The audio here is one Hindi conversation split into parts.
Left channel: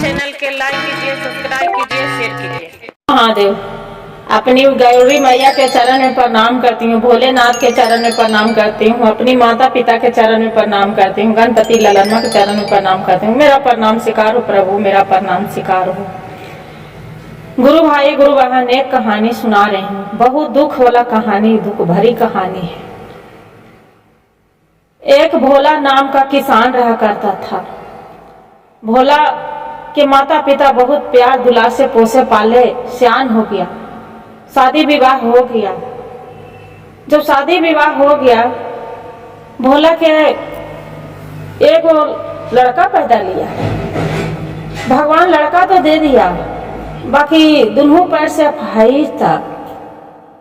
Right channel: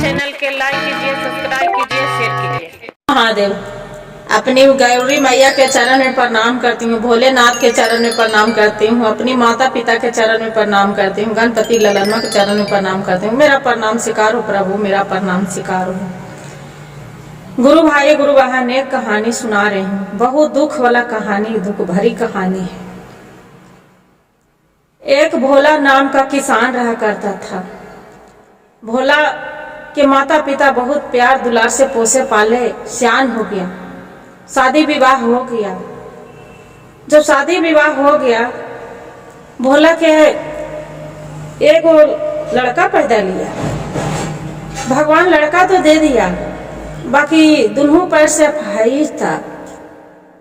चैनल के लाइक कीजिए, सब्सक्राइब कीजिए, शेयर कीजिए। महादेव, अपनी गौरी मैया के चरण में प्रणाम करती हूँ, भोलेनाथ के चरण में प्रणाम करती हूँ, अपनी माता पिता के चरण में प्रणाम करती हूँ, गणपति ललनमा के चरण में प्रणाम करती हूँ। मेरा प्रणाम स्वीकार हो प्रभु, मेरा प्रणाम स्वीकार हो। गुरु भाई गुरु बहन, एक कहानी सुना रही हूँ, बहुत दुख वाला कहानी, दुख भरी कहानी है। एक भोला नाम का किसान रहा करता था। भोला के माता पिता बहुत प्यार दुलार से पोसे पाले, सियान हो गया, शादी विवाह हो गया। जब शादी विवाह हो गया, भोला के एक लड़का पैदा लिया। भगवान लड़का तो दे दिया, बाकी दोनों पैर से अपाहिज था।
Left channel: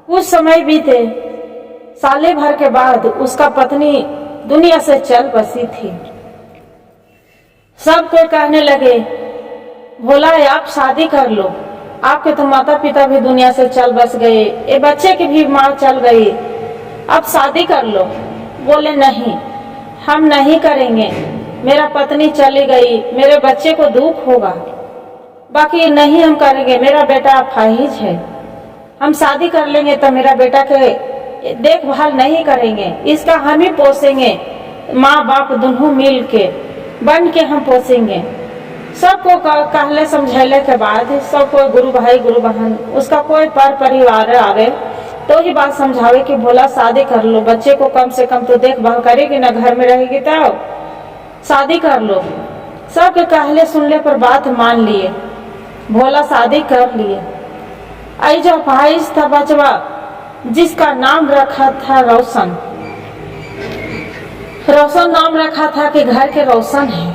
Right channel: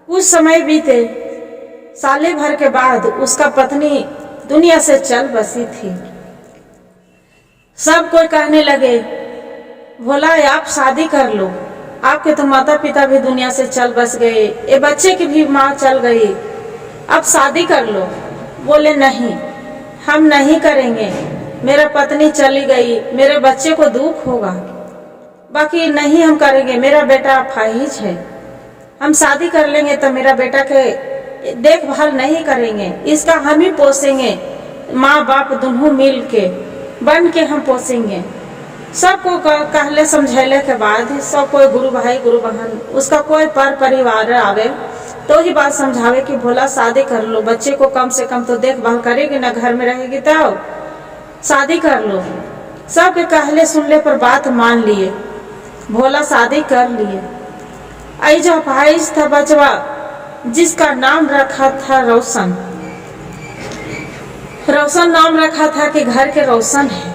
कुछ समय बीते, साले भर के बाद उसका पत्नी दुनिया से चल बसी थी। सब कोई कहने लगे, भोला आप शादी कर लो, आपके तो माता पिता भी दुनिया से चल बस गए, ये बच्चे की भी माँ चल गई, अब शादी कर लो। बोले नहीं, हम नहीं करेंगे, मेरा पत्नी चली गई, मेरे बच्चे को दुख होगा, बाकी नहीं हम करेंगे, मेरा बेटा अपाहिज है, हम शादी कर लेंगे तो मेरा बेटा के देखभाल नहीं करेंगे, इसका हम ही पोसेंगे, माँ बाप दोनों मिल के बन के हम पोसेंगे। सबको कहले समझेले के बाद सब कोई गुरु भाई गुरु बहन, उसका कोई पर परिवार आवे तो ही बात समझावे कि भोला शादी कर लो, बच्चे को कम से कम तो देखभाल करेगी ना, घर में रहेगी तो शादी कर लो। सबके कहले सुनले पर बात मान लिए, भोला शादी कर लिए। आई जो अपाहिज था बचवा, जिसका नाम रखा था रोशन। रोशन नाम रखा था कि घर के रोशन है,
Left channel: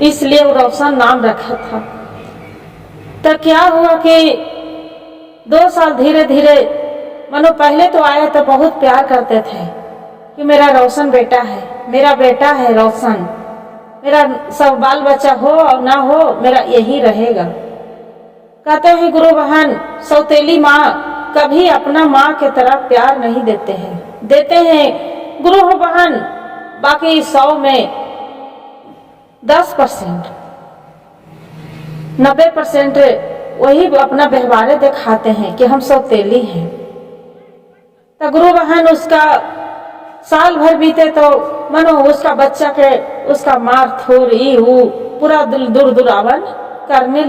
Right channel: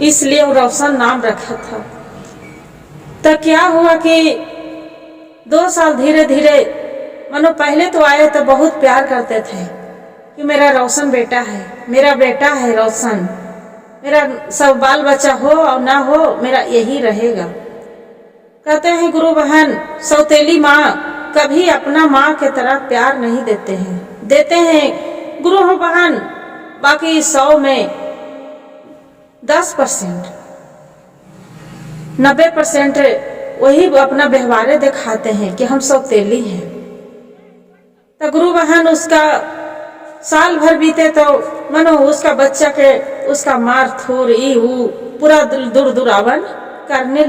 इसलिए वो रोशन नाम रखा था। तो क्या हुआ कि 2 साल धीरे धीरे, मानो पहले तो आए तो बहुत प्यार करते थे कि मेरा रोशन बेटा है, मेरा बेटा है रोशन, मेरा सब बाल बच्चा हो और ना हो मेरा यही रहेगा। कहते हैं गुरु बहन, सौतेली माँ कभी अपना माँ के तरह प्यार नहीं देते हैं, देते हैं गुरु बहन बाकी 100 में 10%, 90% वही अपना व्यवहार दिखाते हैं कि हम सौतेली हैं। तो गुरु बहन उसका साल भर बीते तो मानो उसका बच्चा के उसका मार थोर वो पूरा दुरावन करने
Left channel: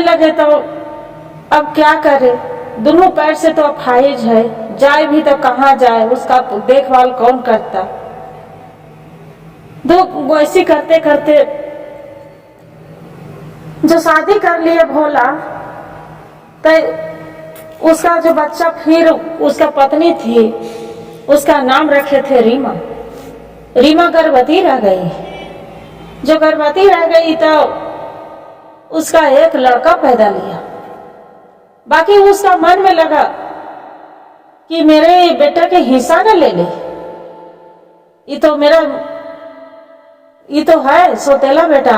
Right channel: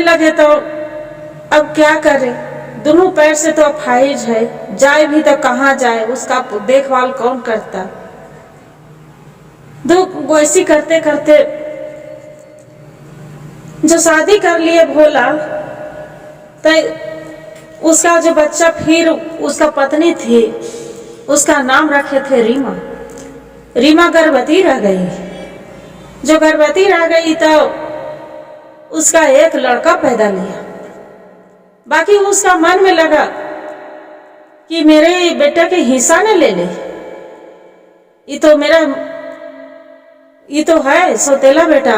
लगे तो अब क्या करे, दोनों पैर से तो अपाहिज है, जाए भी तो कहाँ जाए, उसका देखभाल कौन करता। वैसी करते करते जो शादी कर लिए भोला, तो उसका जो बच्चा, फिर उसका पत्नी थी, उसका नाम रखे थे रीमा। रीमा गर्भवती रह गई। जो गर्भवती रह गई तो उसका एक लड़का पैदा लिया। बाकी उसका मन में लगा कि मेरे बेटे के हिस्सा न ले ले, ये तो है सौतेला बेटा,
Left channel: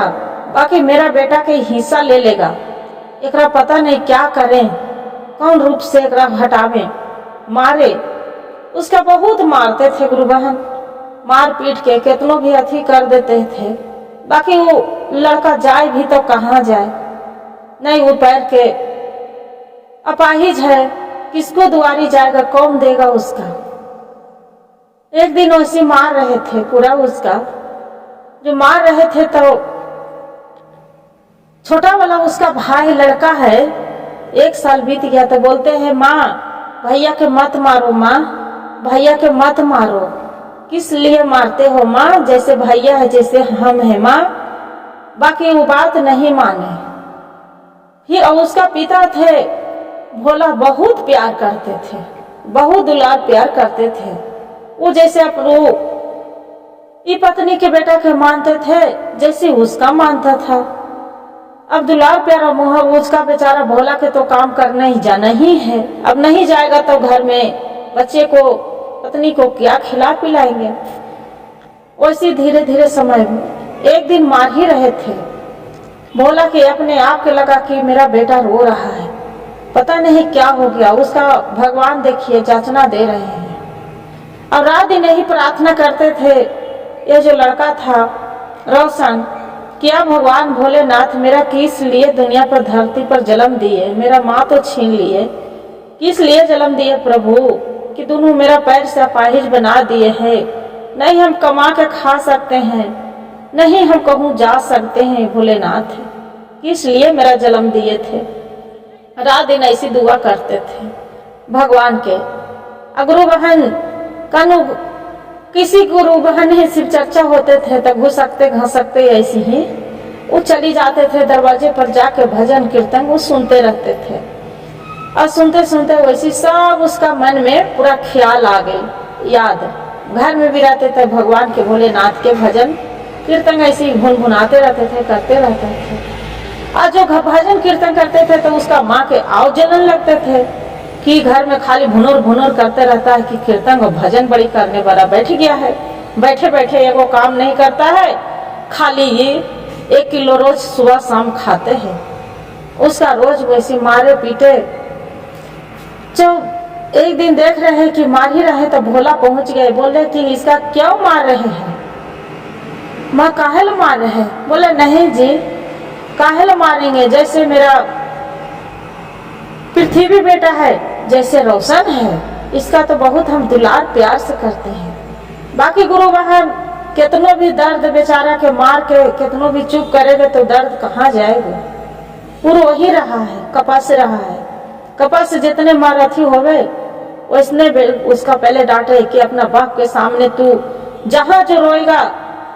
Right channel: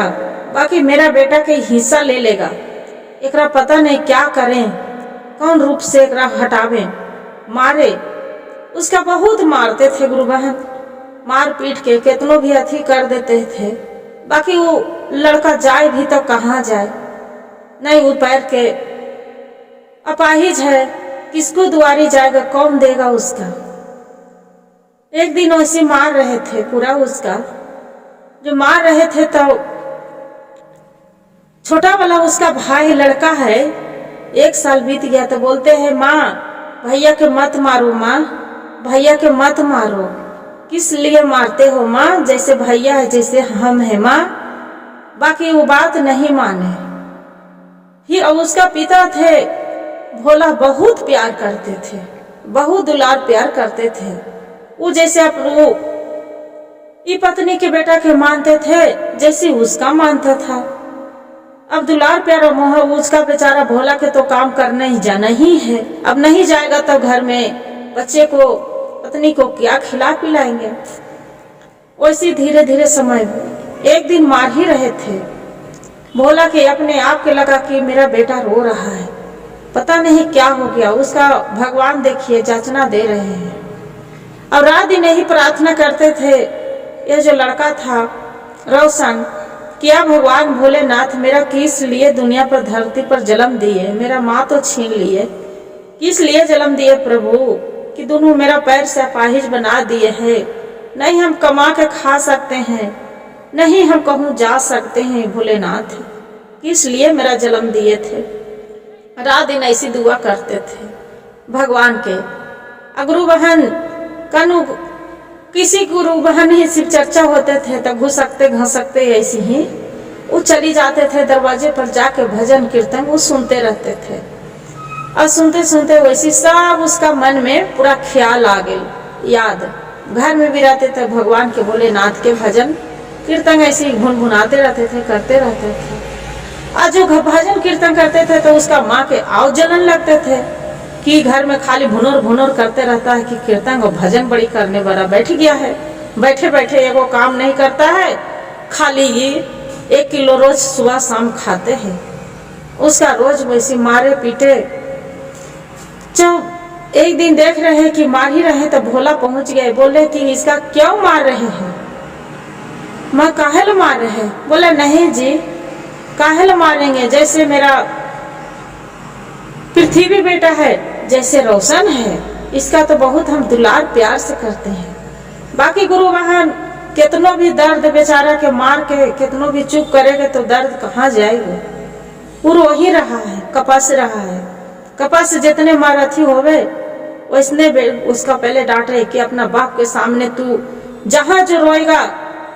बाकी मेरा बेटा के हिस्सा ले लेगा, एकरा पता नहीं क्या करें, कौन रूप से एकरा हटावे, मारे। उसका बहुत मारते थे गुरु बहन, मार पीट के कितनों भी अथी कर देते थे, बाकी वो लड़का जाए भी तो कहाँ जाए, नहीं वो पैर के अपाहिज है, किसको दुआरी जाएगा, कौन देगा उसका। एक दिन वैसे मार रहे थे पूरा, उसका जो मार रहे थे तो छोटा वाला उसका भाई लड़का है, 1 साल बीत गया तो बोलते हैं माँ भैया के मत मारो, माँ भैया के मत मारो, किस लिए मारते हो माँ, जैसे भैया है जैसे हम है माँ। बाकी वो बात नहीं माने। फिर उसका पिता थे भोला, बहुत प्यार करते थे, बहुत दुलार प्यार करते थे, वो जैसे अपनी पत्नी के बेटा के मानते थे जैसे उसका मानता था। अब दुलार प्यार मोह उसका बेचारा भोला के तो काम करने ही जाना ही है, अब नहीं जाएगा तो घर में बच्चे को पत्नी को क्या खिला पिलाएंगे। वैसे धीरे धीरे समय, एक दिन मार ही रहे थे भोला के अपने आप के लगा कि मेरा बेटा रो रहा है, पता नहीं क्या हो गया, उसका भगवान देखिए जांचना दे रहे हैं। और रात दिन यही प्रार्थना करते थे ये जो लड़का था रोशन, क्या भगवान भोलेनाथ मेरा किस लिए दुनिया पर धरती पर जन्म दिए, मेरा माँ तो छीन लिए, किस लिए जन्म दिए प्रभु कि दोनों मेरा पैर से अपाहिज बना दिए है। नहीं हम कमा के खा सकते हैं, नहीं हम कहूँ जा सकते हैं, भोलेनाथ किस लिए मेरा जन्म दिए थे। रात दिन ऐसी दुआ करते थे भगवान के। गुरु बहन कनु किसी गुरु बहन ही शिव चर्चा होते थे तो घुसकते घसकते ऐसी ही वो चली जाते थे दरवाजे पर जाके भजन कीर्तन वो सुनते रहते थे। और सुनते सुनते वैसी सब उसका मन में पूरा ख्याल आ गई याद। घर में भी रहते थे भगवान के भोलेनाथ के भजन कीर्तन ऐसे ही भुनभुनाते रहते थे, करते रहते थे। और जो भजन कीर्तन करते थे तो उसका माँ के आव जलन लगते थे कि घर में खाली भुनोर भुनोर करते रहता है कि कीर्तन और भजन बड़ी करने वाला बैठ गया है, बैठे बैठे एगो काम नहीं करता है, खाली ये 1 किलो रोज सुबह शाम खाते हैं। उसका रोज वैसी मारे पीटे। जब एक दिन देख रहे हैं कि मार ही रहे तो भोला पहुंच गए, बोले कि इसका क्यों मार रहे हैं, माँ काहे मार रहे हैं। बोले नहीं जी काहे मारेंगे, जैसे मेरा पृथ्वी बेटा है, जैसे रोशन है, इसका तो बहुत हम दुलार प्यार से करते हैं। बाकी गुरु बहन कितनों भी दर्द बेचारा के मार के कितनों भी चुप करेगा तो दर्द कहाँ जाएगा। गुरु वही रहा है, कपास रहा है। कपास जितने मारथी होवे वैसने उसका पहले डांटे कि अपना बाप के सामने तू जहाँ जो रोएगा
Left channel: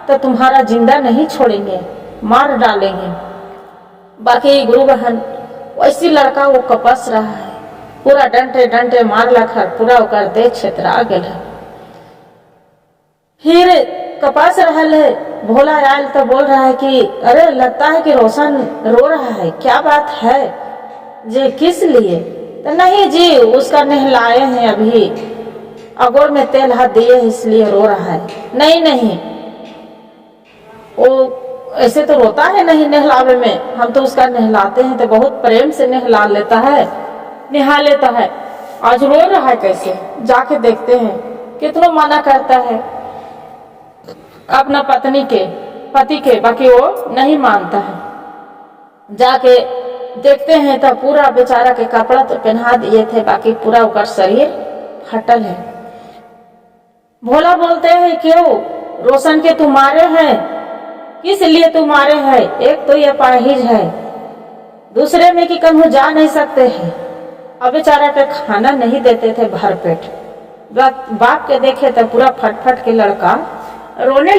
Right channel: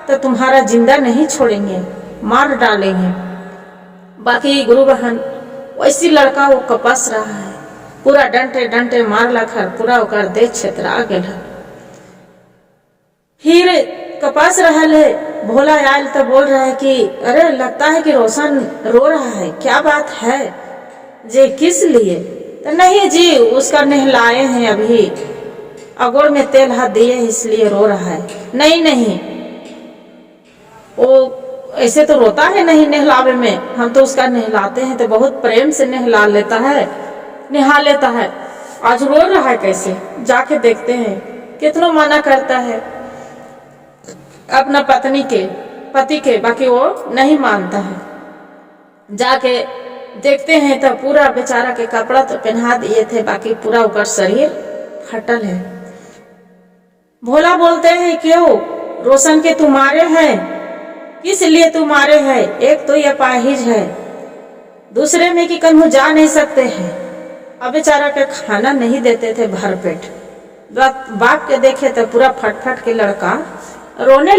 तो तुम्हारा जिंदा नहीं छोड़ेंगे, मार डालेंगे। बाकी गुरु बहन वैसी लड़का वो कपस रहा है, पूरा डंटे डंटे मार लखर पूरा ओकर देह क्षेत्रा गेल है। फिर कपास रहा है, भोला आयल तो बोल रहा है कि अरे लगता है कि रोशन रो रहा है, क्या बात है जी, किस लिए। तो नहीं जी उसका नहलाए हैं अभी, अगोर में तेल हाथ दिए इसलिए रो रहा है। नहीं नहीं वो ऐसे तो रोता है नहीं नहलावे में, हम तो उसका नहलाते हैं तो बहुत प्रेम से नहला लेता है, नहा लेता है। आज रो रहा है कैसे, जाके देखते हैं। कितना मना करता है अपना पति के, बाकी वो नहीं मानता है। जाके देखते हैं तो पूरा बेचारा के कपड़ा तो पहना दिए थे, बाकी पूरा उसका शरीर फटल है। भोला बोलते हैं क्यों रोशन के तुम्हारे हैं, किस लिए तुम्हारे हैं, एक तो ये अपाहिज है, दूसरे में कि कहीं जा नहीं सकते हैं। अब बेचारा के खाना नहीं देते थे भर पेट। बाप के देखे तो पूरा फटफट के लड़का रोने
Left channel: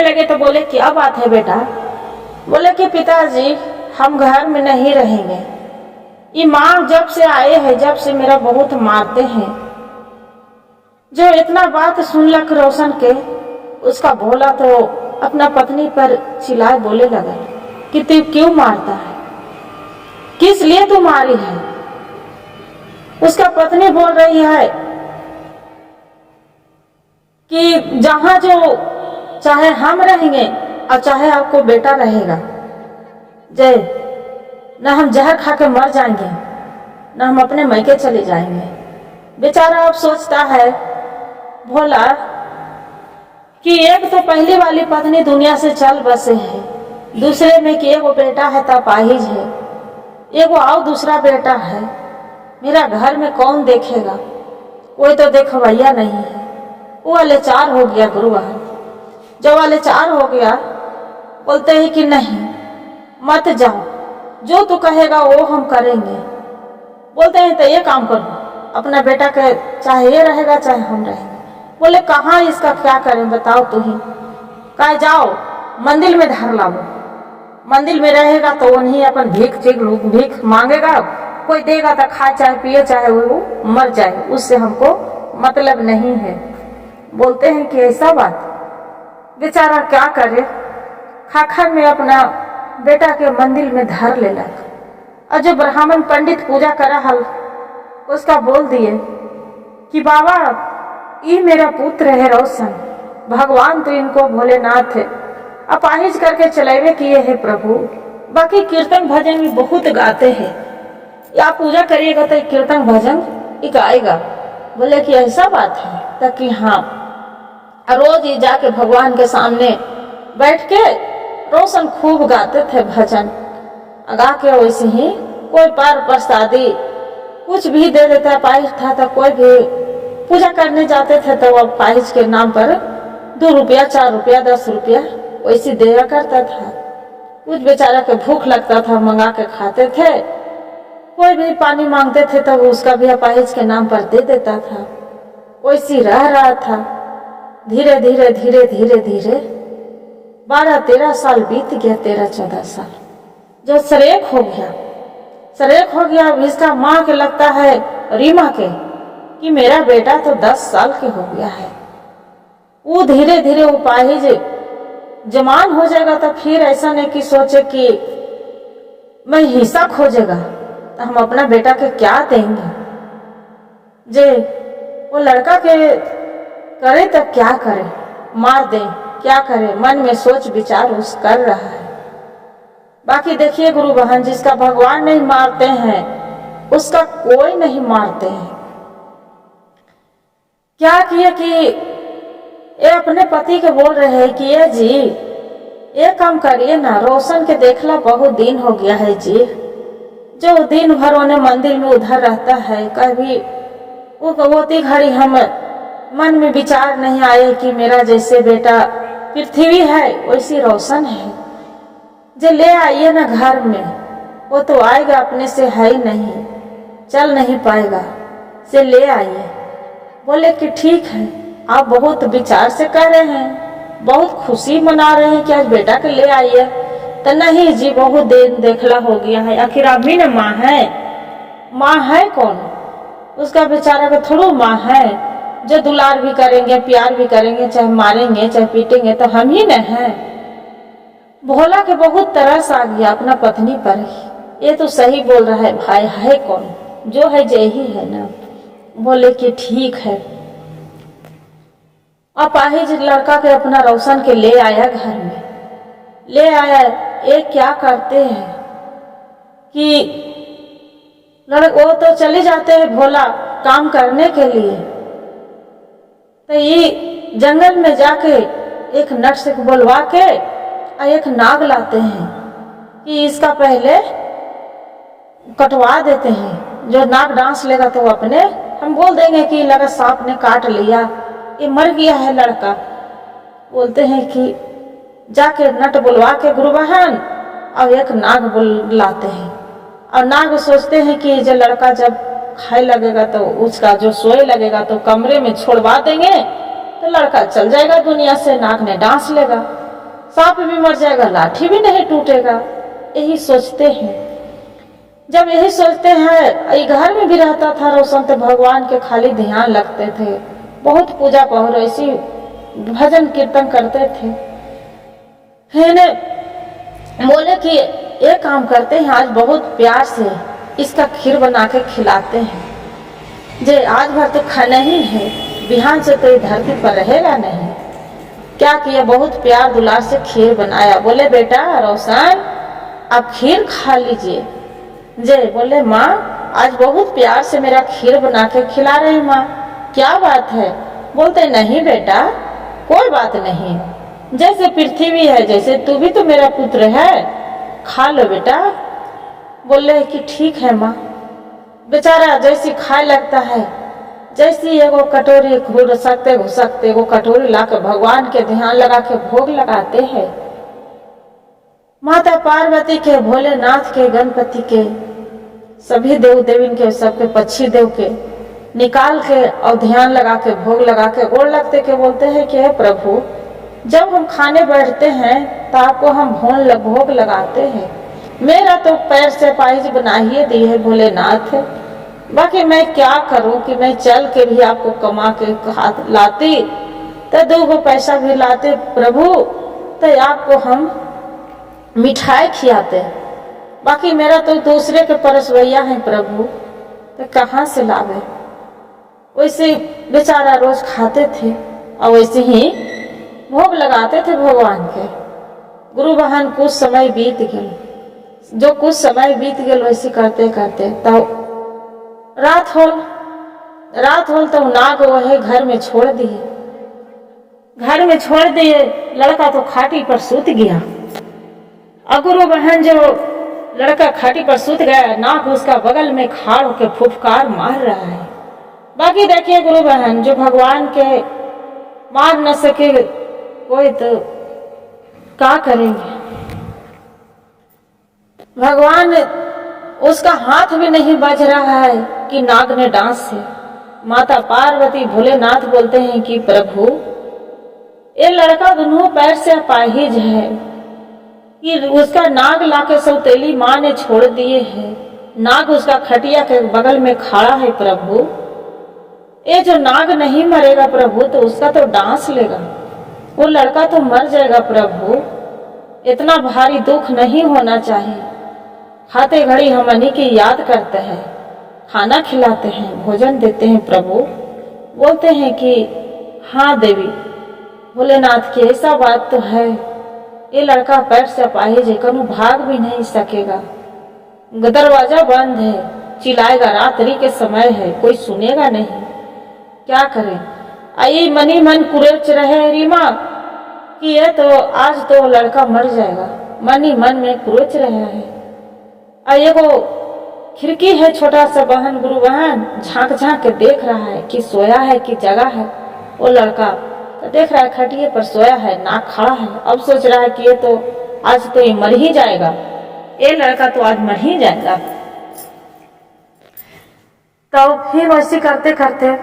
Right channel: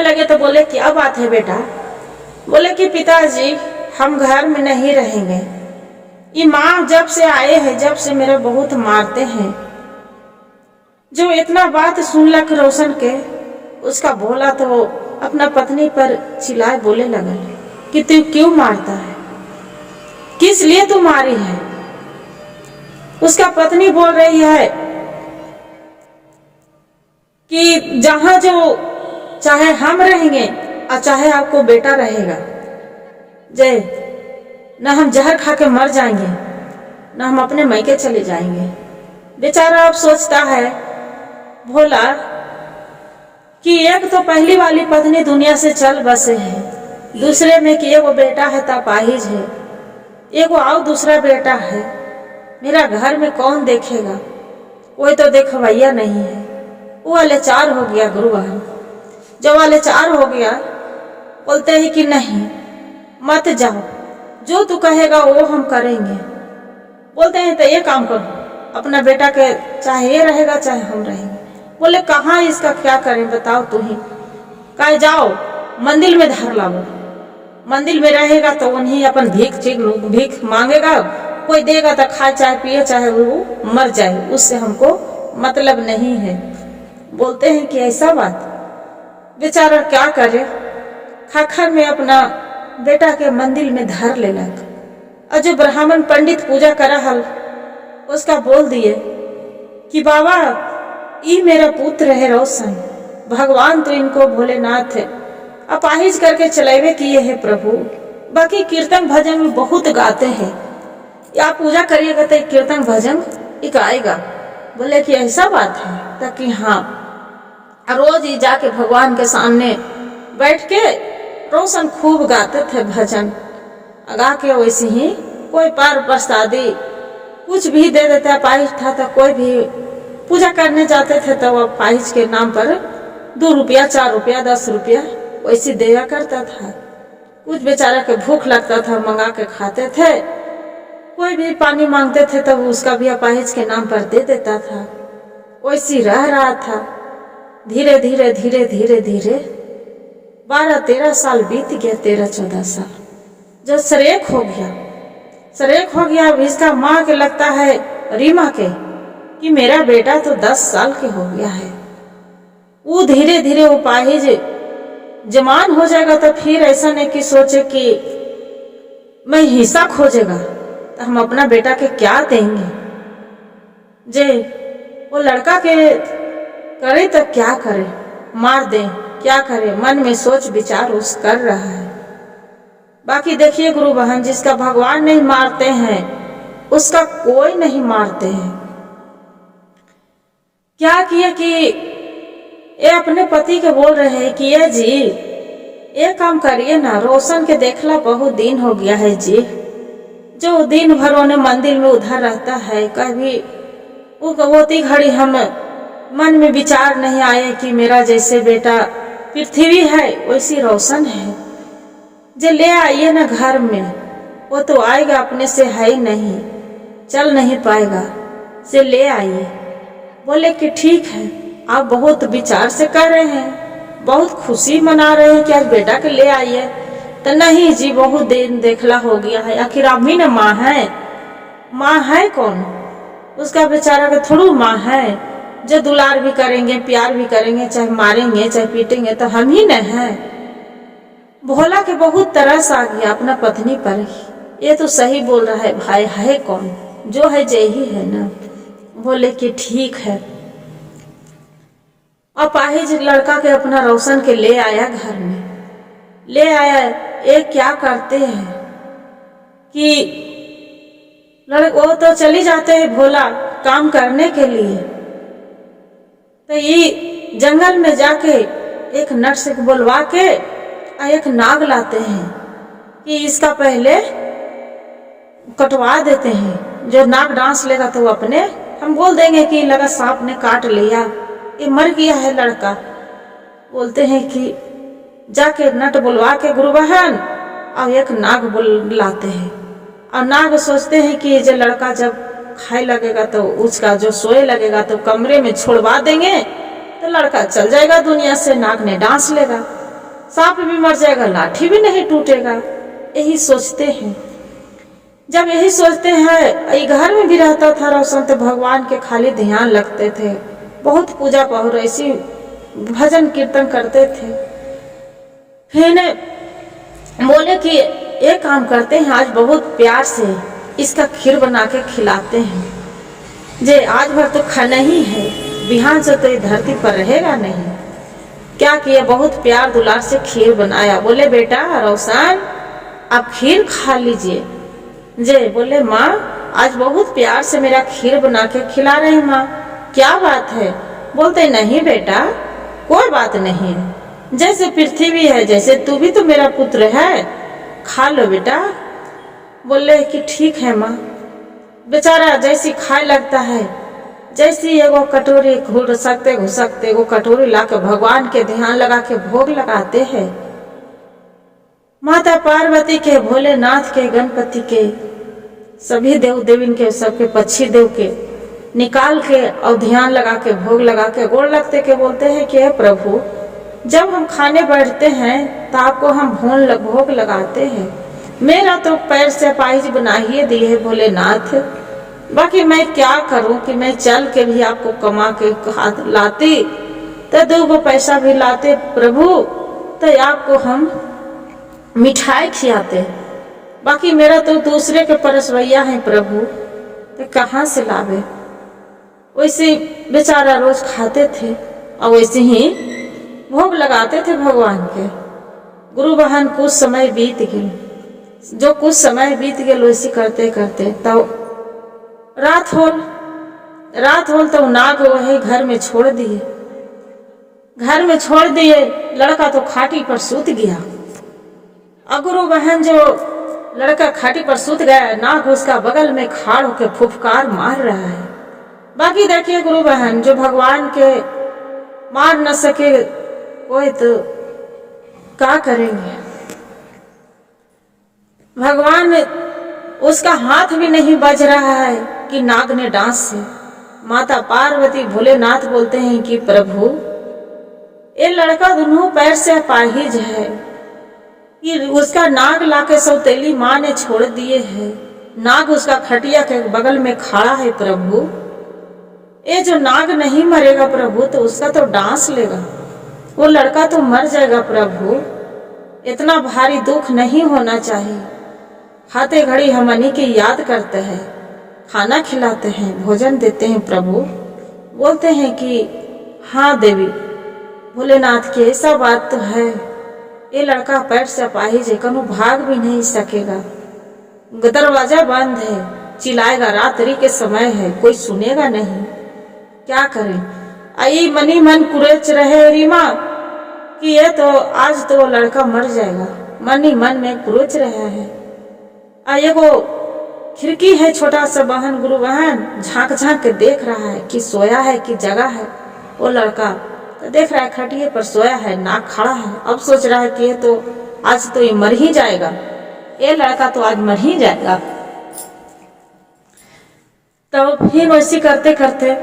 लगे तो बोले क्या बात है बेटा। बोले कि पिताजी हम घर में नहीं रहेंगे, ये माँ जब से आए हैं जब से मेरा बहुत मारते हैं। जो इतना बात सुन लग रोशन के, उसका भोला तो अपना पत्नी पर चिल्लाए बोले लगा कि तू क्यों मारता है, किस लिए तू मारी है। उसका पत्नी बोल रही है कि जहां जो चाहे हम रहेंगे और चाहे आपको बेटा रहेगा, जय न हम जहर खा के मर जाएंगे न हम अपने मैके चले जाएंगे। बेचारा अब सोचता है भोला कि एक तो पहली वाली पत्नी दुनिया से चल बसे है, दूसरे में कि एगो बेटा है तापाहिज है, एगो आओ दूसरा बेटा है, मेरा घर में कौन देखेगा, कोई तो देखवैया नहीं है। वो लाचार हो गया गुरु बहन। जब लाचार हो गया बोलते हैं कि नहीं मत जाओ, जो तू कहेगा वो हम करेंगे। बोलते हैं तो ये काम करो, अपना बेटा के चाहे ये रहेगा चाहे हम रहेंगे। बोले कहाँ इसका क्या करें बताओ तू ही। कहे जाओ मंदिर में धर लाओ, मंदिर में रहेगा तो उन्हीं अपन भीख मांगेगा, कोई देगा तो खाए चाहे पिए चाहे वो मर जाए, उससे हमको मतलब नहीं है। बोलते हैं कि ऐसा बात, बेचारा क्या करे, खाखर में अपना बेटा के मंदिर में धर लेलक। और जो ब्राह्मण पंडित पूजा करा हल उसका बोल दिए कि बाबा ये मेरा पुत्र है रोशन, भगवान तो इनको भोलेनाथ है अपाहिज करके चलेवे किए है प्रभु। बाकी कीर्तन भजन भी बहुत गाते हैं, या पूजा करिएगा तो कीर्तन भजन ही गाएगा। बोले कि ऐसा बात है तो कि हाँ रोज ही जाके भगवान के सामने बैठ के रोशन खूब गाते थे भजन। गा के वैसे ही कोई पार प्रसादी कुछ भी दे देता, पाहिज था तो कोई भी पूजा करने जाते थे तो वो पाहिज के नाम पर 2 रुपया 4 रुपया 10 रुपया वैसे दिया करता था। कुछ बेचारा के भूख लगता था, मंगा के खाते थे। कोई भी पानी मांगते थे तो उसका भी अपाहिज के नाम पर दे देता था। वैसी रह रहा था। धीरे धीरे धीरे धीरे धीरे 12-13 साल बीत गया, 13-14 साल। जब सरेक हो गया, अब इसका माँ के लगता है रीमा के कि मेरा बेटा तो 10 साल के हो गया है। वो धीरे धीरे वो पाहिज जवान हो जाएगा तो फिर ऐसा नहीं कि सोचे कि मैं हिस्सा खोजेगा तो हम अपना बेटा के क्या देंगे। जे वो लड़का के करे तो क्या करे, मार दे क्या करे, मन में सोच विचार उस कर रहा है। बाकी देखिए गुरु बहन, जिसका भगवान नहीं मारते हैं उसका कोई नहीं मारते हैं। क्या किए कि ये अपने पति के बोल रहे हैं कि ये जी ये काम करिए ना, रोशन के देखला बहुत दिन हो गया है जी। जो दिन भर उन्हें मंदिर में उधर रहता है, कभी वो घड़ी हम मन में विचार नहीं आए कि मेरा जैसे बेटा पृथ्वी है वैसी रोशन है। जे ले आइए ना घर में, वो तो आएगा अपने से है ही नहीं, चल नहीं पाएगा, से ले आइए। बोले कि ठीक है, आप बहुत विचार से कह रहे हैं, बहुत खुशी मना रहे हैं कि आज बेटा के ले आइए। तो नहीं जी, बहुत दिन देखला हो गया है, आखिर आप ही ना माँ है कौन, उसका बेचारा का थोड़ू माँ है जो दुलार भी करेंगे प्यार भी करेंगे, चाहे मारेंगे चाहे पीटेंगे तो हम ही न हैं। भोला के बहुत तरस आ गया अपना पत्नी पर ही। ये तो सही बोल रहा है, भाई है कौन, जो है जय ही है ना। बोले कि ठीक है। अपाहिज लड़का के अपना रोशन के ले आया, घर में ले आया। ये क्या करते हैं कि वो तो चले जाते हैं भोला काम करने के लिए, तो ये जंगल में जाके एक नट से बुलवा के और एक नाग लाते हैं कि इसका पहले कटवा देते हैं। जो नाग डांस लेगा तो वो अपने हम बोल देंगे कि लगा सांप ने काट लिया, ये मर गया है लड़का। बोलते हैं कि जाके नट बुलवा के गुरु बहन और एक नाग बुलाते हैं। और नाग सोचते हैं कि जो लड़का जब खाए लगेगा तो उसका जो सोए लगेगा तो कमरे में छोड़वा देंगे तो लड़का चल जाएगा दुनिया से। नाग ने डांस लेगा, सांप भी मर जाएगा, लाठी भी नहीं टूटेगा। यही सोचते हैं। जब यही सोचते हैं, घर में भी रहता था रोशन तो भगवान के खाली ध्यान लगते थे, बहुत पूजा पहुर ऐसी भजन कीर्तन करते थे। फिर बोले कि एक काम करते हैं, आज बहुत प्यार से इसका खीर बना के खिलाते हैं। जे आज भर तो खाना ही है, बिहान से तो ये धरती पर रहेगा नहीं। क्या किया, बहुत प्यार दुलार से खीर बनाया। बोले बेटा रोशन आप खीर खा लीजिए। जे बोले माँ आज बहुत प्यार से मेरा खीर बना के खिला रहे हैं माँ, क्या बात है। बोलते नहीं बेटा कोई बात नहीं, जैसे पृथ्वी है जैसे तू भी तो मेरा पुत्र है, खा लो बेटा। बोले कि ठीक है माँ। बेचारा जैसी खाए लगता है, जैसी एगो कटोरी घुसकते एगो कटोरी लाकर भगवान के ध्यान लगा के भोग लगाते हैं। माता पार्वती के, भोलेनाथ के, गणपति के, सभी देव देवीन के, सबके पक्षी देव के निकाल के और ध्यान लगा के भोग लगा के गोड़ लगते के बोलते हैं कि हे प्रभु जब हम खाने बैठते हैं तो आपको हम भोग लगाते हैं। मेरा तो पैर से पाहिज बना ही दी है भोलेनाथ, बाकी मैं क्या करूं कि मैं चल के भी आपको कमा के हाथ लाती तो 2 पैसा भी लाते प्रभु, तो आपको हम मिठाई खिलाते। बाकी मेरा तो दूसरे के परसवैया है प्रभु, तो कहाँ से लावे। वैसे बेचारा रोज खाते थे और वैसे ही भोग लगाते थे भगवान के। गुरु बहन कुछ समय बीत गए, जो कुछ समय बीत गए वैसे करते करते तो रात होल तो नाग वही घर में छोड़ दिए। घर में छोड़ दिए। लड़का तो खाटी पर सूत गया। और गुरु बहन जो लड़का खाटी पर सूत गया, नाग उसका बगल में खाड़ होकर फुफकार मार रहा है। बाकी देखिए गुरु बहन, जो भगवान के मार न सके कोई तो क्या करेंगे। भगवान उसका हाथ भी नहीं बज रहा है कि नाग ने डांस से। माता पार्वती भोलेनाथ बोलते हैं कि प्रभु, ये लड़का दोनों पैर से अपाहिज है कि उसका नाग लाके सौतेली माँ ने छोड़ दिए है। नाग उसका खटिया के बगल में खड़ा है प्रभु। ये जो नाग नहीं मरेगा प्रभु तो उसका तो डांस लेगा, वो लड़का तो मर जाएगा प्रभु। इतना भारी दुख नहीं होना चाहिए। खाते घड़ी हम अन्नी की याद करते हैं, खाना खिलाते हैं, भोजन देते हैं प्रभु। बोलते हैं कि हाँ देवी भोलेनाथ की ऐसा बात तो है, ये लड़का पैर से अपाहिज है, कनु भाग भी नहीं सकेगा। दरवाजा बंद है, चिल्लाएगा, रात्रि के समय है, कोई सुनेगा नहीं, क्या करें। आई मनी मन कुरेच रहे रीमा कि ये तो आज तो लड़का मर जाएगा। मन ही मन में कुरेच रहा है। और ये वो खिड़की है छोटा सा बहन, गुरु बहन झांक झांक के देख रहा है कि सोया है कि जगा है। वो लड़का तो देख रहा है खटिए पर सोया है, नाक खड़ा है। अब सोच रहा है कि ये तो आज तो ये मर ही जाएगा, ये लड़का तो आज मर ही जाएगा। तो फिर वैसे करते करते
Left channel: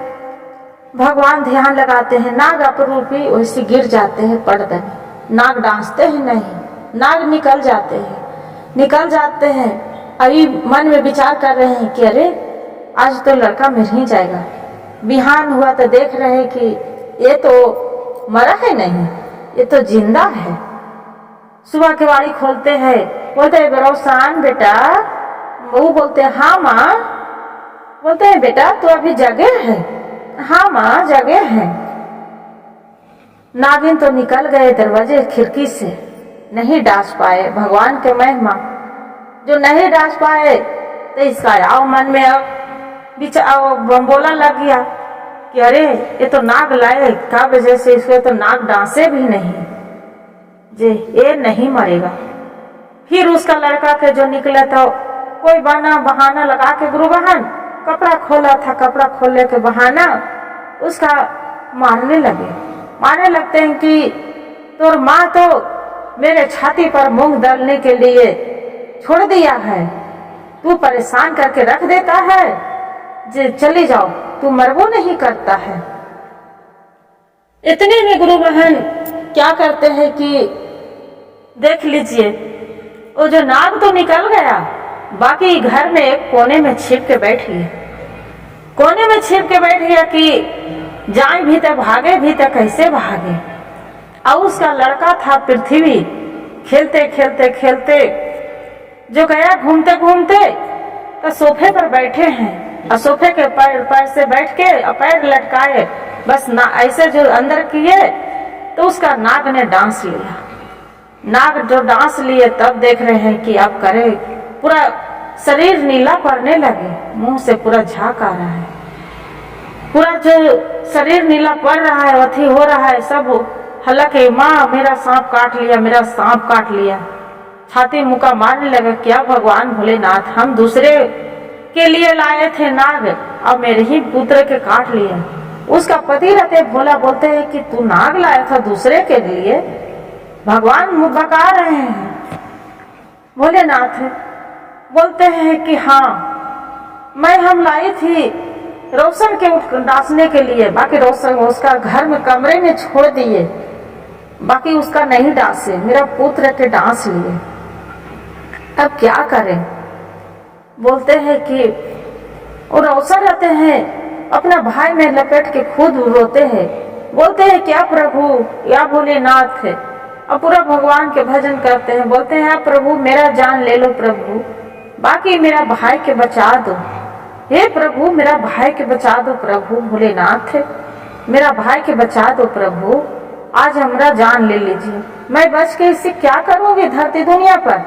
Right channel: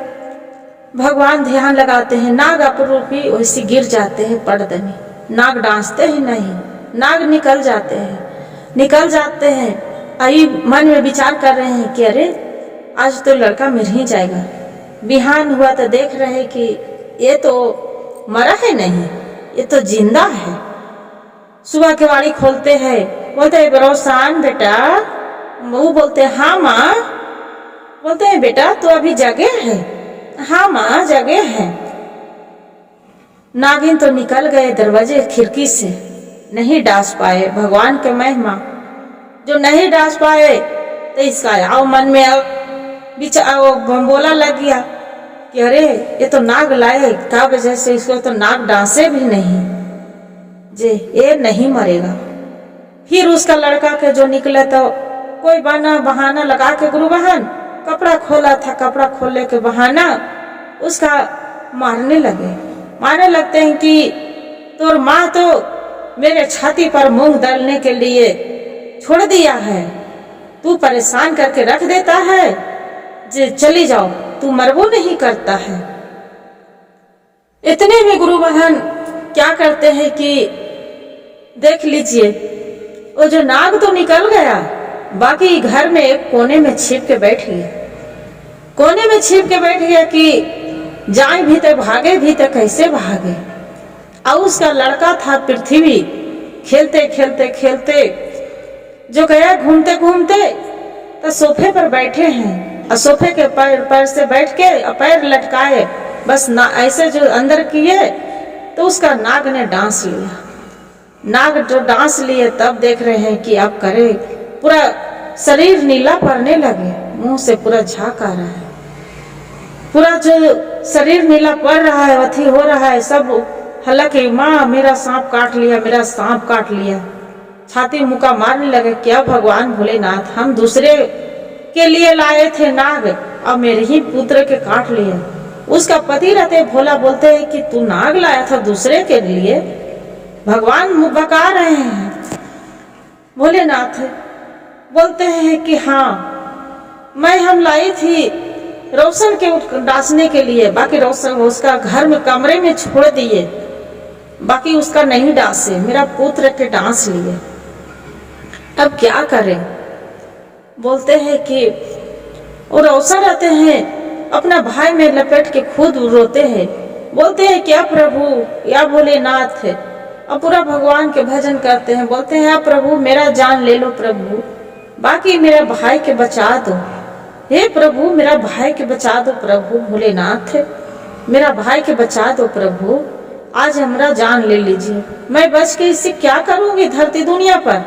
भगवान ध्यान लगाते हैं, नाग अपरूपी वैसे गिर जाते हैं पड़दनी। नाग डांसते ही नहीं, नाग निकल जाते हैं। आई मन में विचार कर रहे हैं कि अरे आज तो लड़का मर ही जाएगा। बिहान हुआ तो देख रहे हैं कि ये तो मरा है नहीं, ये तो जिंदा है। सुबह के वाड़ी खोलते हैं, बोलते हैं बेरोसान बेटा। वो बोलते हैं हाँ माँ। बोलते हैं बेटा तो अभी जगे है? हाँ माँ जगे हैं। नागिन तो निकल गए दरवाजे खिड़की से, नहीं डांस पाए। भगवान के महिमा जो नहीं डांस पाए तो इसका आओ मन में बोला लग गया कि अरे ये तो नाग लाए क्या वजह से इसको तो नाग डांसे भी नहीं जे, ये नहीं मरेगा। फिर उसका लड़का के जो निकले तो कोई बहाना लगा के गुरु बहन कपड़ा खोला था, कपड़ा खोलने के बहाना उसका मारने लगते हैं कि तोर माँ तो मेरे छाती पर मूंग दलने के लिए छोड़ दिया है, तू परेशान करके रख देता है, जे चली जाओ, तू मरबो नहीं करता है। इतने में गुरु बहन क्या करते हैं कि देख लीजिए वो जो नाग तो निकल गया, बाकी घर में एक कोने में छिप के बैठ गया कि जाए भी तो भागे भी तो कैसे भागे। और उसका लड़का था पृथ्वी, खेलते जो गया घूमते तो सोफे पर बैठे हैं और सोफे के पैर से बैठ के पैर लटकाए बस ना ऐसे जो अंदर किए तो उसका नाग ने डांस लिया। नाग जो डांस लिए तब देख रहे हैं कि अब करे, पूरा शरीर नीला पड़ने लगे, मुंह से पूरा झाग आ रहा है, पूरा जो शरीर नीला पड़ रहा है, अथी हो रहा है सब। हालांकि माँ मेरा सांप काट लिया, छाती मुका मारने लगा। क्या भगवान भोलेनाथ, हम दूसरे के लिए लाए थे नाग, अब मेरे ही पुत्र के काट लिए। उसका पति रहते भोला बोलते हैं कि तू नाग लाया था दूसरे के लिए, भगवान बका रहे हैं। भोलेनाथ बोलते हैं कि हाँ हम लाई थी रोशन के डांसने के लिए, बाकी रोशन उसका घर में कमरे में छोड़ दिए, बाकी उसका नहीं डांसे, मेरा पुत्र के डांस लिए। अब क्या करें। बोलते हैं कि वो रोशन रहते हैं अपना भाई में लपेट के खुद रोते हैं। बोलते हैं क्या प्रभु या भोलेनाथ है, अब पूरा भगवान के भजन करते हैं। बोलते हैं प्रभु मेरा जान ले लो प्रभु, बाकी मेरा भाई के बचा दो। हे प्रभु मेरा भाई के बचा दो प्रभु, भोलेनाथ मेरा भाई के बचा दो प्रभु, आज हमारा जान ले लीजिए। मैं बच के इससे क्या करूंगी धरती दुनिया पर,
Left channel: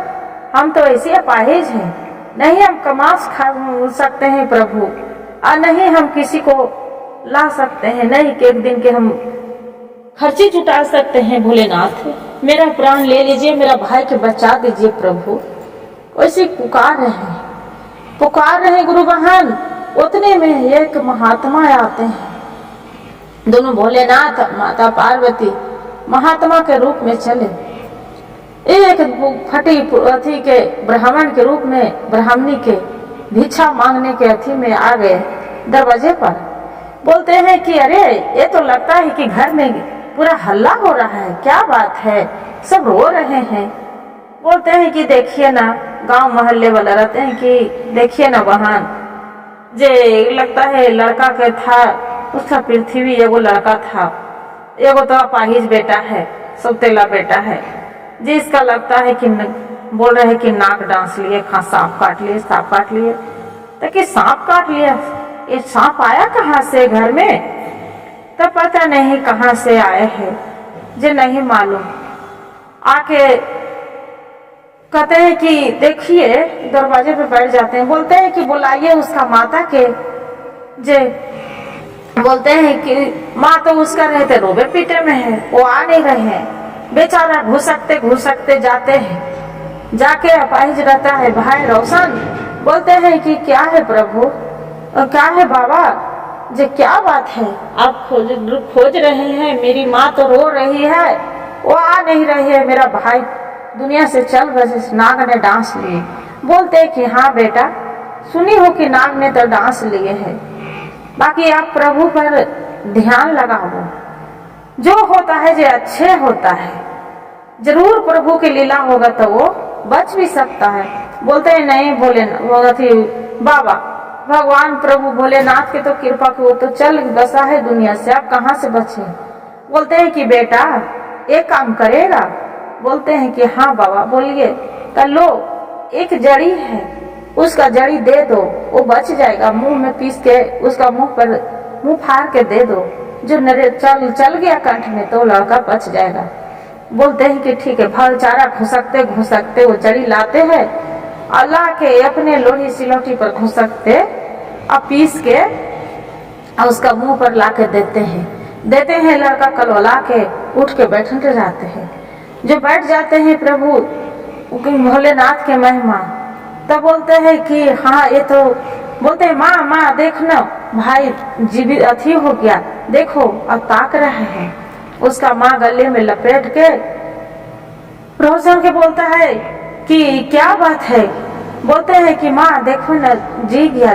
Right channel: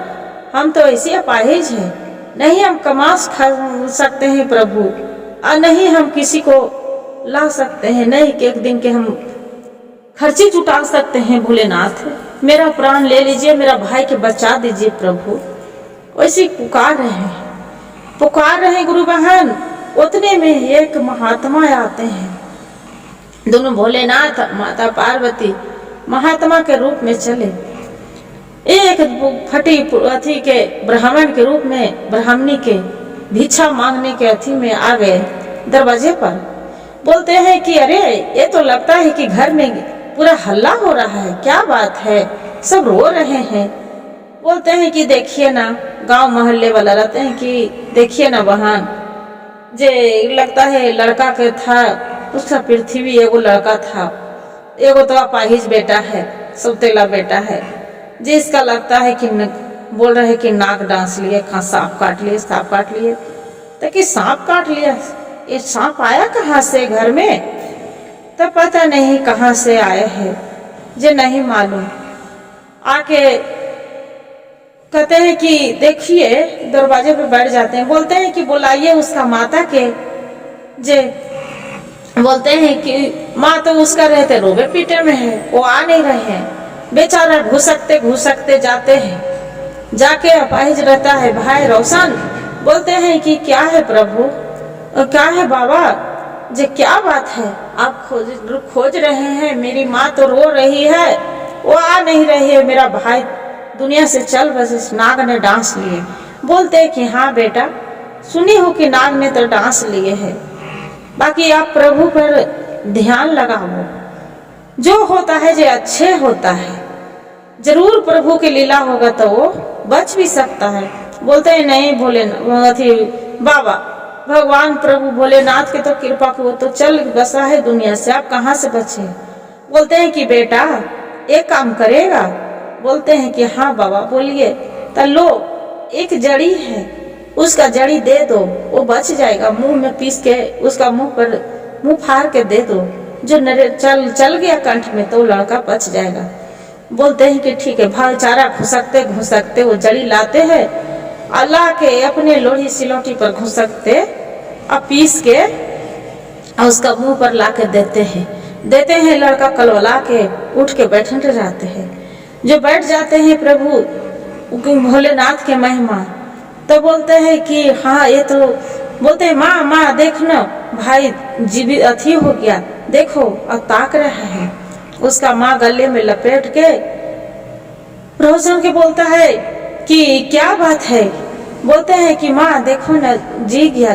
हम तो ऐसे अपाहिज हैं, नहीं हम कमा सकते हैं प्रभु, और नहीं हम किसी को ला सकते हैं, नहीं कि एक दिन के हम खर्ची जुटा सकते हैं भोलेनाथ, मेरा प्राण ले लीजिए, मेरा भाई के बचा दीजिए प्रभु। वैसे पुकार रहे गुरु बहन। उतने में एक महात्मा आते हैं, दोनों भोलेनाथ माता पार्वती महात्मा के रूप में चले। एक फटी अथी के ब्राह्मण के रूप में ब्राह्मणी के भिक्षा मांगने के अथी में आ गए दरवाजे पर। बोलते हैं कि अरे ये तो लगता है कि घर में पूरा हल्ला हो रहा है, क्या बात है, सब रो रहे हैं। बोलते हैं कि देखिए ना, गांव मोहल्ले वाला रहते हैं कि देखिए ना बहन, जे लगता है लड़का के था, उसका पृथ्वी एगो लड़का था, एगो तो अपाहिज बेटा है, सौतेला बेटा है, जिसका लगता है कि बोल रहे हैं कि नाक डांस लिए, सांप काट लिए। तो कि सांप काट लिया, ये सांप आया कहाँ से घर में, तो पता नहीं कहाँ से आए हैं, जे नहीं मालूम। आके कहते हैं कि देखिए, दरवाजे पे बैठ जाते हैं। बोलते हैं कि बुलाइए उसका माता के। जे बोलते हैं कि माँ तो उसका रहते रोबे पीटे में है, वो आ नहीं रहे हैं, बेचारा घुसकते जाते हैं। जाके अपाहिज रहता है भाई रोशन। बोलते हैं कि क्या है प्रभु, और क्या है बाबा, जे क्या बात है, आप खोज रहे हैं, मेरी माँ तो रो रही है, वो आ नहीं रही है, मेरा भाई दुनिया से चल बस नाग ने डांस लिए। बोलते हैं कि हाँ बेटा, सुनी हो कि नाग ने तो डांस लिए है, बाकी आप प्रभु पर ध्यान लगाओ, जो होता है जो अच्छे होता है, जरूर प्रभु की लीला होगा तो वो बच भी सकता है। बोलते हैं नहीं बाबा, भगवान प्रभु भोलेनाथ की तो कृपा की, वो तो चल बसा है दुनिया से, आप कहाँ से बचे। बोलते हैं कि बेटा एक काम करेगा। बोलते हैं कि हाँ बाबा बोलिए। तो लो, एक जड़ी है, उसका जड़ी दे दो, वो बच जाएगा। मुंह में पीस के उसका मुंह फाड़ के दे दो, जो चल गया कंठ में तो लड़का बच जाएगा। बोलते हैं कि ठीक है। भाईचारा घुसकते वो जड़ी लाते हैं, अल्लाह के अपने लोही सिलौटी पर घुसकते और पीस के और उसका मुंह पर ला के देते हैं। लड़का कलवला के उठ के बैठते जाते हैं। जो बैठ जाते हैं प्रभु भोलेनाथ के महिमा, तो बोलते हैं कि हाँ ये तो, बोलते हैं माँ देखना भाई जीवित अथी हो गया, देखो और ताक रहा है। उसका माँ गले में लपेट के रोशन के बोलता है कि क्या बात है। बोलते हैं कि माँ देखो ना, जी गया,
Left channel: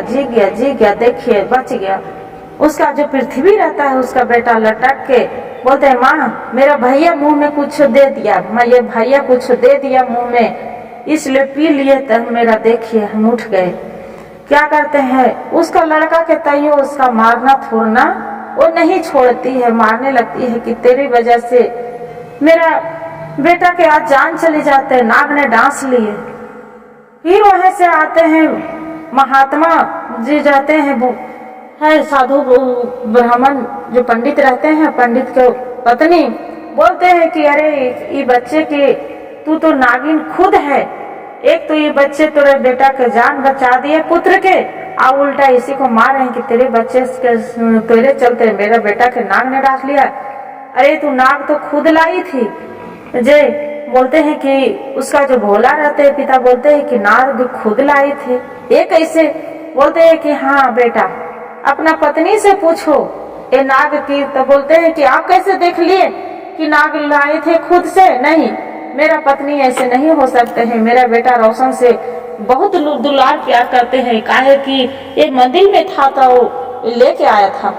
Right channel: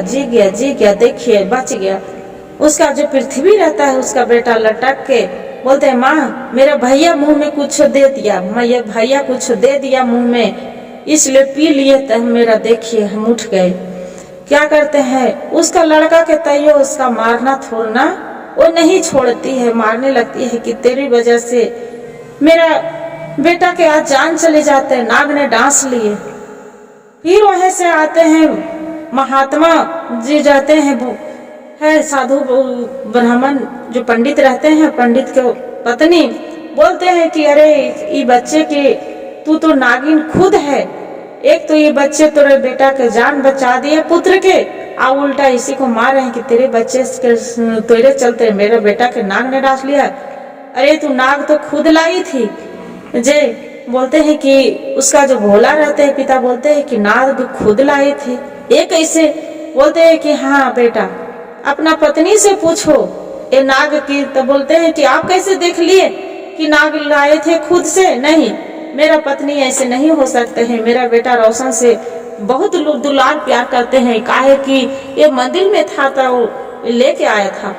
देखिए बच गया। उसका जो पृथ्वी रहता है, उसका बेटा लटक के बोलते हैं माँ मेरा भैया मुंह में कुछ दे दिया, माँ ये भैया कुछ दे दिया मुंह में, इसलिए पी लिए, तो मेरा देखिए हम उठ गए। क्या करते हैं, उसका लड़का के तैयो उसका मारना छोड़ना वो नहीं छोड़ती है, मारने लगती है कि तेरी वजह से मेरा बेटा के आज जान चले जाते हैं, नाग ने डांस लिए। फिर वहां से आते हैं महात्मा जी, जाते हैं है साधु ब्राह्मण जो पंडित रहते हैं, पंडित के पत्नी बोलते हैं कि अरे ये बच्चे की तू तो नागिन खुद है, एक तो ये बच्चे तेरे बेटा के जान बचा दिए पुत्र के, आ उल्टा इसी को मार रहे हैं कि तेरे बच्चे तेरे चलते मेरा बेटा के नाग ने डांस लिया। अरे तू नाग तो खुद लाई थी। जे बोलते हैं कि उसका जो भोला रहते हैं पिता बोलते हैं कि नाग भी खुद लाई थे, ये कैसे। बोलते हैं कि हाँ बेटा अपना पत्नी से पूछो ये नाग की। तो बोलते हैं कि आप कैसे देख लिए कि नाग लाए थे खुद से। नहीं, मेरा पत्नी ऐसे नहीं हो सकते हैं, मेरा बेटा रोशन से बहुत दुलार प्यार करते हैं, काहे कि ये मंदिर में था तो लेके आया था।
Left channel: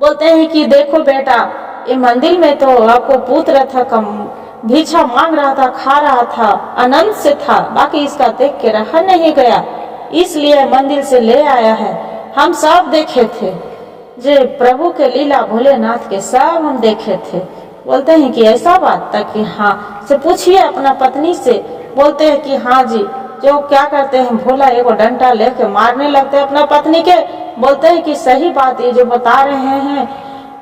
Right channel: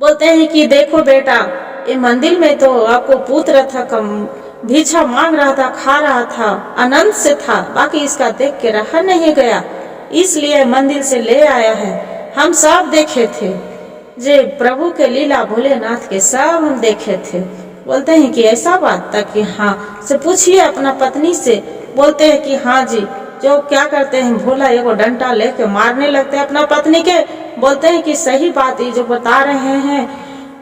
बोलते हैं कि देखो बेटा ये मंदिर में तो आपको पुत्र था, कम भिक्षा मांग रहा था, खा रहा था, आनंद से था, बाकी इसका देख के रहा नहीं गया, इसलिए मंदिर से ले आया है। हम सब देखे थे, जे प्रभु के लीला भोलेनाथ के सब हम देखे थे। बोलते हैं कि ऐसा बात था कि हाँ से पूछिए अपना पत्नी से। बोलते हैं कि हाँ जी। जो क्या करते हैं, भोला एगो डंडा लेके मारने लगते हैं अपना पत्नी के। बोलते हैं कि सही बात ये जो बता रहे हैं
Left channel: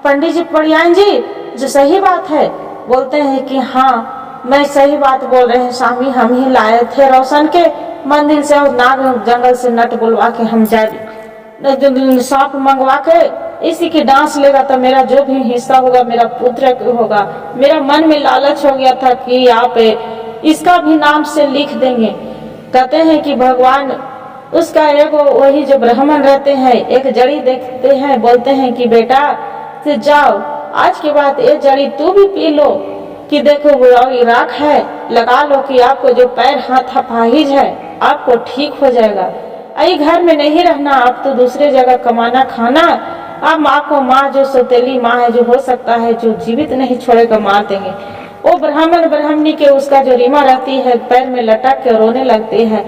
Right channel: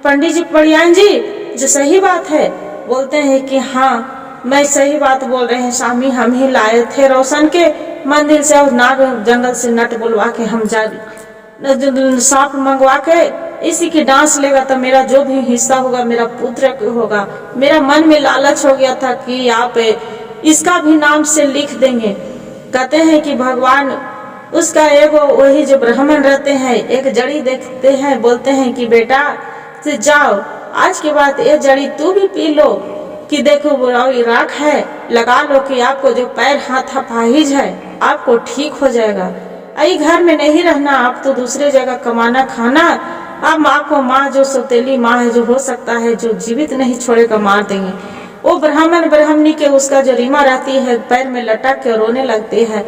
पंडित जी परियान जी, जो सही बात है। बोलते हैं कि हाँ मैं सही बात बोल रहे हैं स्वामी, हम ही लाए थे रोशन के मंदिर से, और नाग जंगल से नट बुलवा के हम जा सांप मंगवा के इसी की डांस लेगा तो मेरा जो भी हिस्सा होगा मेरा पुत्र होगा। मेरा मन में लालच हो गया था कि आप इसका भी नाम से लिख देंगे। कहते हैं कि भगवान उसका एगो वही जो ब्राह्मण रहते हैं एक जड़ी देखते हैं, बोलते हैं कि बेटा से जाओ आज के बाद ये जड़ी तू भी पी लो कि देखो वो राख है, लगा लो कि आपको जो पैर हाथ अपाहिज है आपको ठीक हो जाएगा। आई घर में नहीं रहना, आप तो दूसरे जगह कमाना खाना। आप माँ को, माँ जो सौतेली माँ है, जो हो सकता है जो जीवित नहीं छोड़ेगा मार देंगे। वो ब्राह्मण ब्राह्मणी के उसका जो रीमा रहती है पैर में लटक के रोने लगती है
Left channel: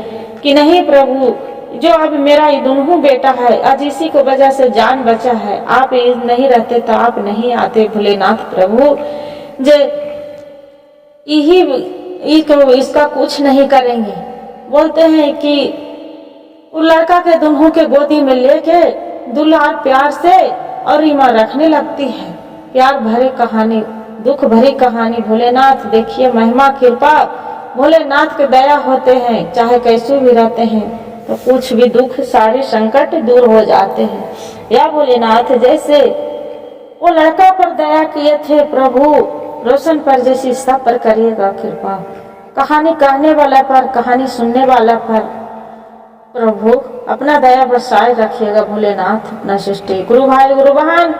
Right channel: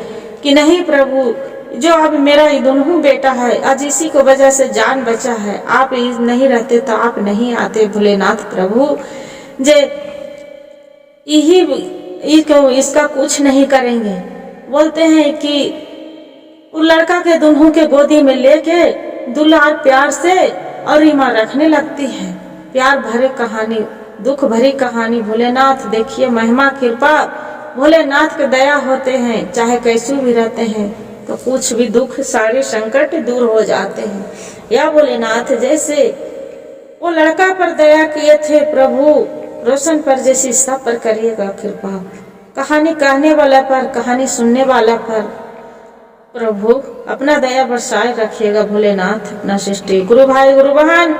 कि नहीं प्रभु, जो अब मेरा दुनू बेटा है आज इसी को वजह से जान बचा है, आप नहीं रहते तो आप नहीं आते भोलेनाथ प्रभु, जे यही इसका कुछ नहीं करेंगे। बोलते हैं कि वो लड़का के दुल्हन के गोदी में लेके दुलार प्यार से और रीमा रखने लगती है। प्यार भरे कहानी, दुख भरी कहानी। भोलेनाथ देखिए महिमा कृपा, भोलेनाथ के दया होते हैं, चाहे कैसे भी रहते हैं तो कुछ भी दुख सारे संकट दूर हो जाते हैं। या भोलेनाथ जैसे वो लड़का पर दया किए थे प्रभु, रोशन पर जैसी सब पर करिएगा कृपा। कहानी कहने वाला पर, कहानी सुनने वाला पर प्रभु अपना दया बरसाए रखिएगा भोलेनाथ अपना सृष्टि। गुरु भाई गुरु बहन,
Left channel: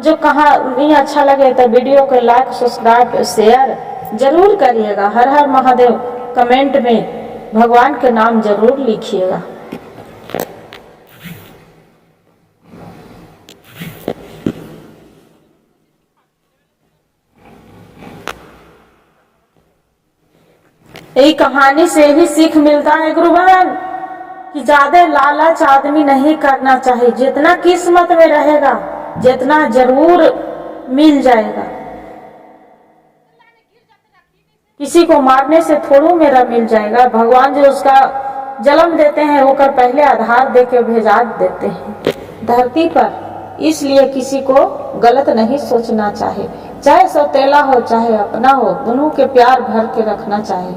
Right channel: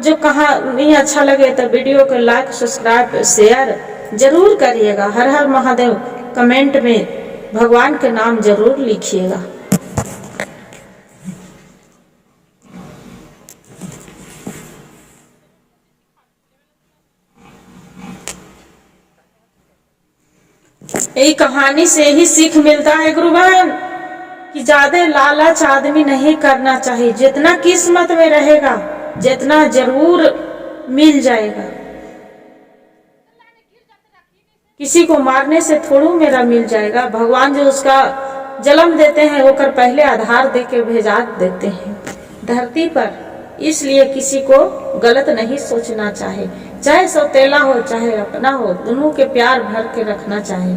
जो कहानी अच्छा लगे तो वीडियो को लाइक सब्सक्राइब शेयर जरूर करिएगा। हर हर महादेव कमेंट में भगवान के नाम जरूर लिखिएगा। यही कहानी से ही सीख मिलता है गुरु बहन कि ज्यादा लालच आदमी नहीं करना चाहिए। जितना किस्मत में रहेगा जितना जरूर मिल जाएगा। किसी को मारने से थोड़ू मेरा मिल जाएगा। भगवान जो उसका जन्म देते हैं वो कर पहले आधार दे के भेजा देते हैं धरती पर। इसलिए किसी को गलत नहीं सोचना चाहिए, चाहे सौतेला हो चाहे अपना हो, दोनों के प्यार भर के रखना चाहिए।